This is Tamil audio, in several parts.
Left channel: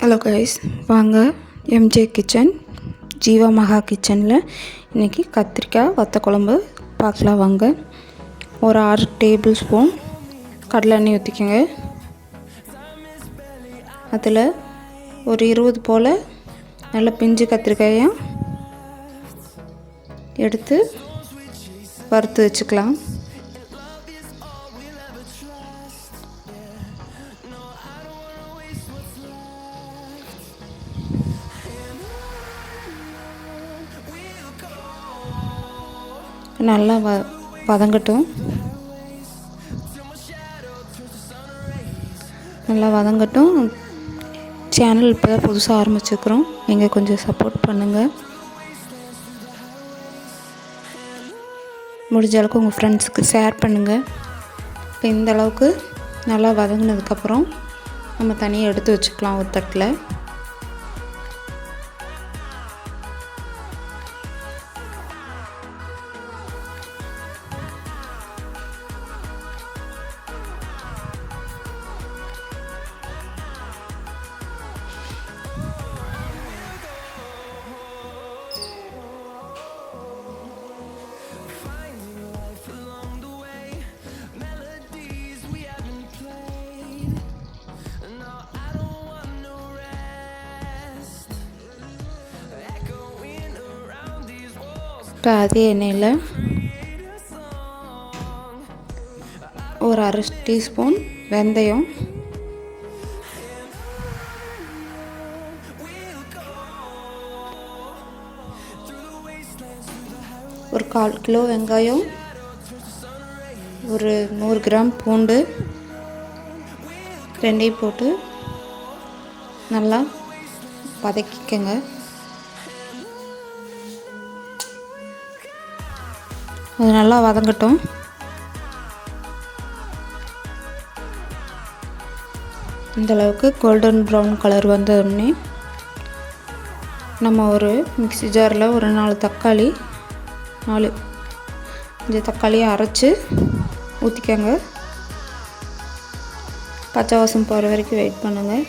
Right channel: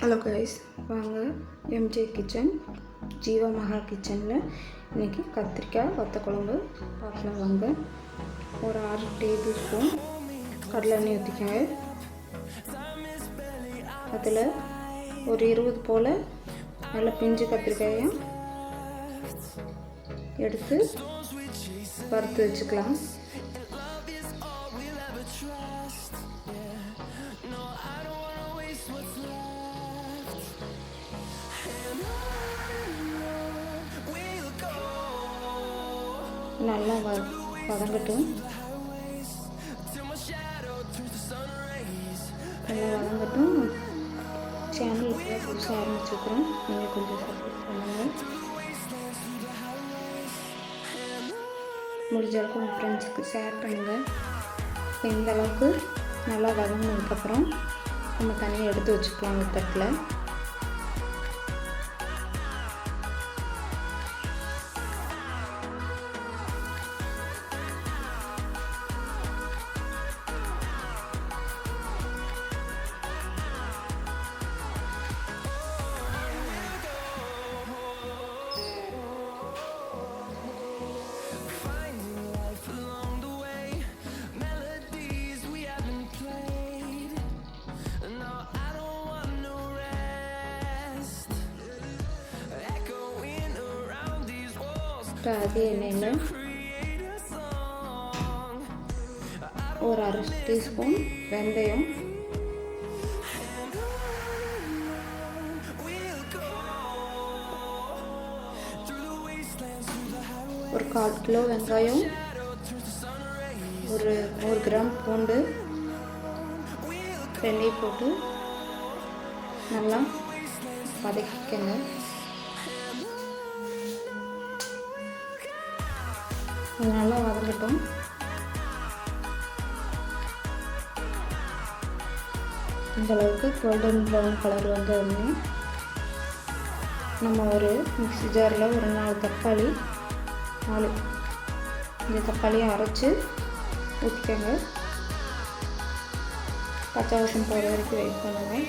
ஹலோ கைஸ், வாங்க எம்ஜே கிச்சன் ஜீவா மகா கிச்சனில் இன்றைக்கி கத்திரிக்காய் வத்த குழம்பு பார்க்கலாம். வாங்க. ஒரு 6 டேபிள் ஸ்பூன் கடலை எண்ணெய் ஊற்றிக்கோங்க. அதில் ஒரு 20 போல் நல்ல பிஞ்சு கத்திரிக்காயும் எடுத்து வறுத்து வச்சுக்கலாம். நல்லா வதங்கட்டும். நல்லா வதங்கட்டும். சேனல் இப்போ தான் புதுசாக ஆரம்பிச்சுக்கிறோம். நீங்கள் கொஞ்சம் சப்போர்ட் பண்ணுங்கள். முடிஞ்ச அளவுக்கு உங்கள் ஃப்ரெண்ட்ஸுக்கு ஷேர் பண்ணுங்கள். இப்போ இந்த அளவுக்கு நல்லா வதங்கினதுக்கப்புறம் நம்ம தனியாக எடுத்து வச்சுக்கலாம் ஒரு தட்டில். இப்போ அதே எண்ணெயில் ஒரு 1/2 டீஸ்பூன் வெந்தயம், ஒரு 1/4 கிலோ வெங்காயம், ஒரு 100 கிராம் பூண்டு ரெண்டையும் போட்டு நல்லா வதக்கிக்கங்க. அது நல்லா வதங்கட்டும். இந்தளவுக்கு கோல்டன் ப்ரௌன் கலர் வந்தோடனே நம்ம ஒரு மிக்ஸி ஜாரில் ஒரு 4 தக்காளியை அரைச்சி ஊற்றிக்கங்க. பச்சை வாசம் போகிற வரைக்கும் வெயிட் பண்ணுங்கள்.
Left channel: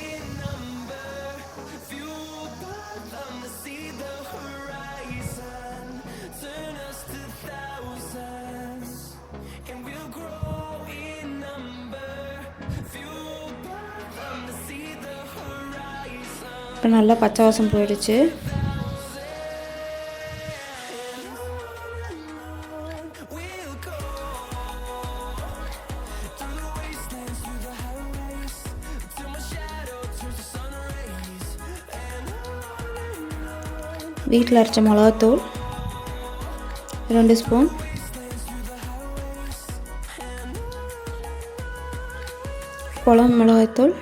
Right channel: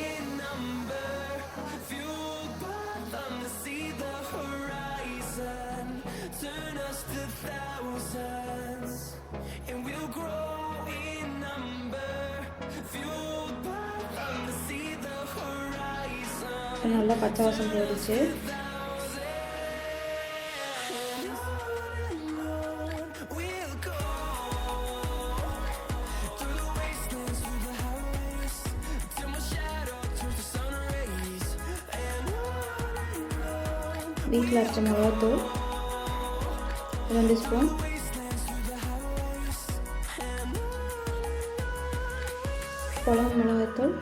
இப்போ நல்லா பச்சை வாசம் போயிடுச்சு. வீட்டில் அரைச்ச மிளகாத்தூள் 2 ஸ்பூன், குழம்பு மிளகாய்த்தூள்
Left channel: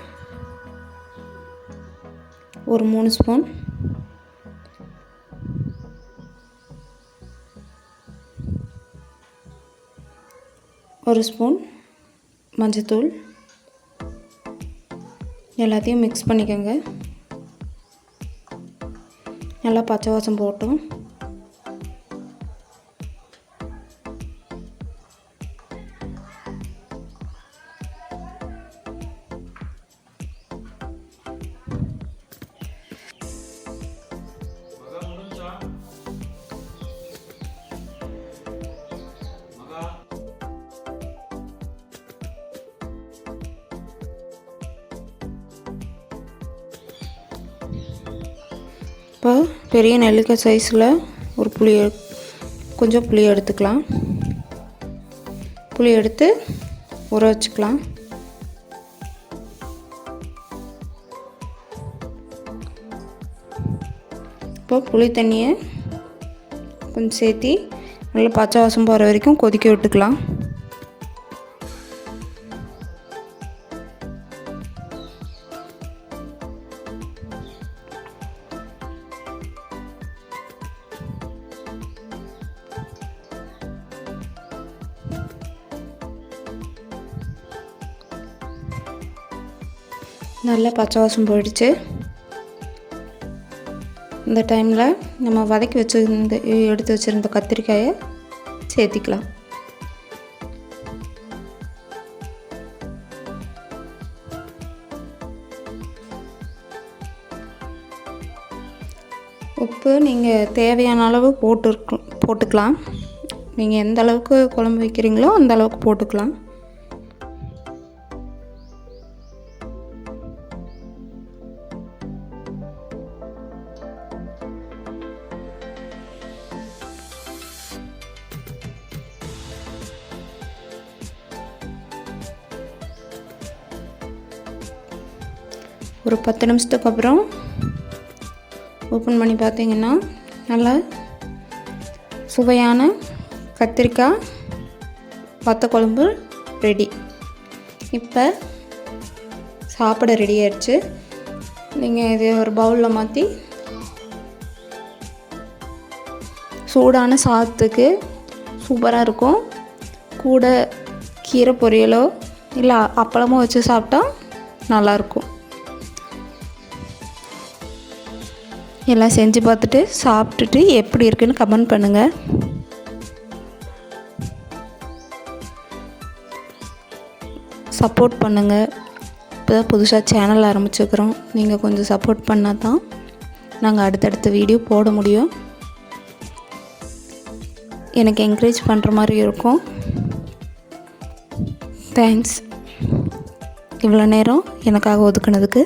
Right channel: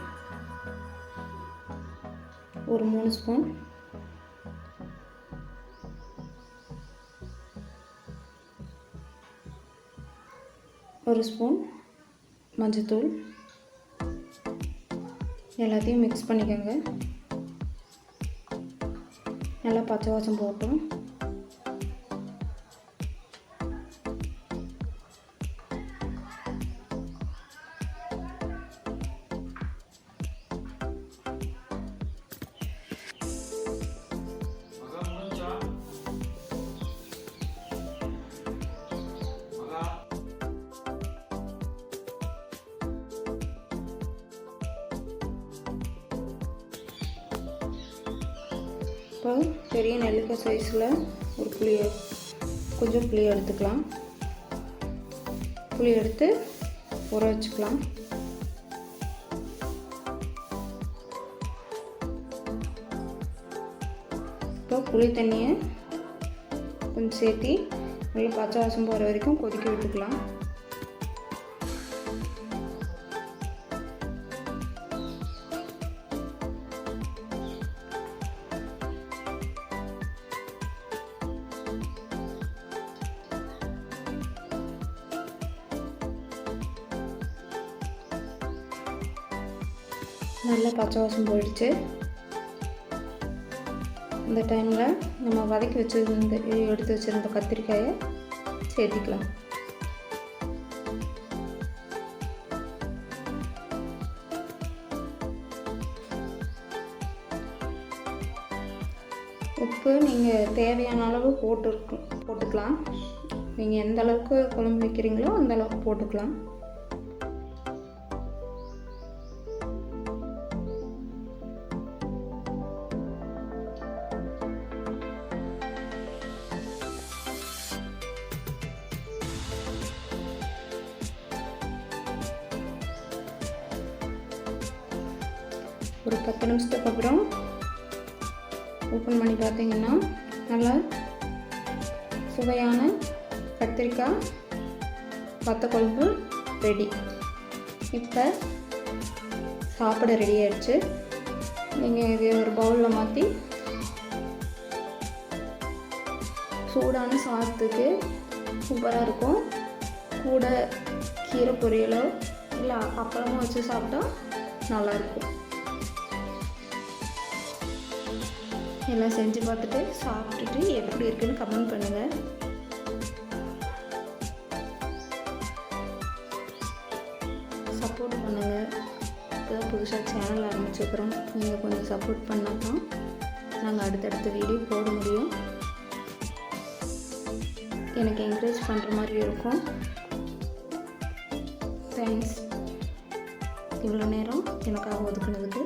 ஒரு 3 ஸ்பூன், ஒரு ஸ்பூன் மஞ்சத்தூள். எல்லாத்தையும் மிக்ஸ் பண்ணிக்கோங்க. நல்லா பச்சை வாசம் போட்டோம். இப்போ பெரிய நெல்லிக்காய் சைஸில் ஒரு கொஞ்சம் புளி எடுத்துக்கலாம். புளி எடுத்து ஊற வச்சுக்கலாம். இப்போ புளி தண்ணியை கொஞ்சம் சேர்த்தி நல்லா பச்சை வாசம் போகிற வரைக்கும் கொதிக்க விட்டுக்கலாம். நல்லா பச்சை வாசம் போயிடுச்சு. இந்த டைமில் நம்ம வதக்கி எடுத்து வச்சுருந்த கத்திரிக்காயை சேர்த்திக்கலாம். உப்பு நீங்கள் தேவையான அளவு போட்டுக்கலாம். நீங்கள் எந்த அளவுக்கு குழம்பு வைக்கிறீங்களோ அந்த அளவுக்கு போட்டுக்கலாம். ஒரு 10 நிமிஷத்துக்கு அப்புறம் ஓப்பன் பண்ணி பார்த்தீங்கன்னா நல்லா சுவையான கத்திரிக்காய் வத்த குழம்பு ரெடி. இப்போ சாப்பிட ரெடி ஆயிடுச்சு. நீங்கள் இது ஒரு பவுலில் மாற்றி சூடான சாதத்துக்கு சூப்பராக இருக்கும். கூட கீரை பொரியலோ இல்லை அப்பளமோ வச்சு சாப்பிட்டா நல்லாயிருக்கும். எல்லாம் செஞ்சு பார்த்துட்டு சாப்பிட்டுட்டு எப்படி இருக்குன்னு கமெண்ட் பண்ணுங்கள். சப்போர்ட் பண்ணுங்கள். இப்போ தான் புதுசாக சேனல் ஆரம்பிச்சுக்கிறோம். நீங்கள் கொஞ்சம் சப்போர்ட் பண்ணால் தான் நாங்கள் அடுத்தடுத்த வீடியோ போட முடியும். எனக்கு என்கரேஜ் பண்ணுற மாதிரி இருக்கும். தேங்க்ஸ் இவ்வளோ நேரம் எனக்காக ஒதுக்குனதுக்கு.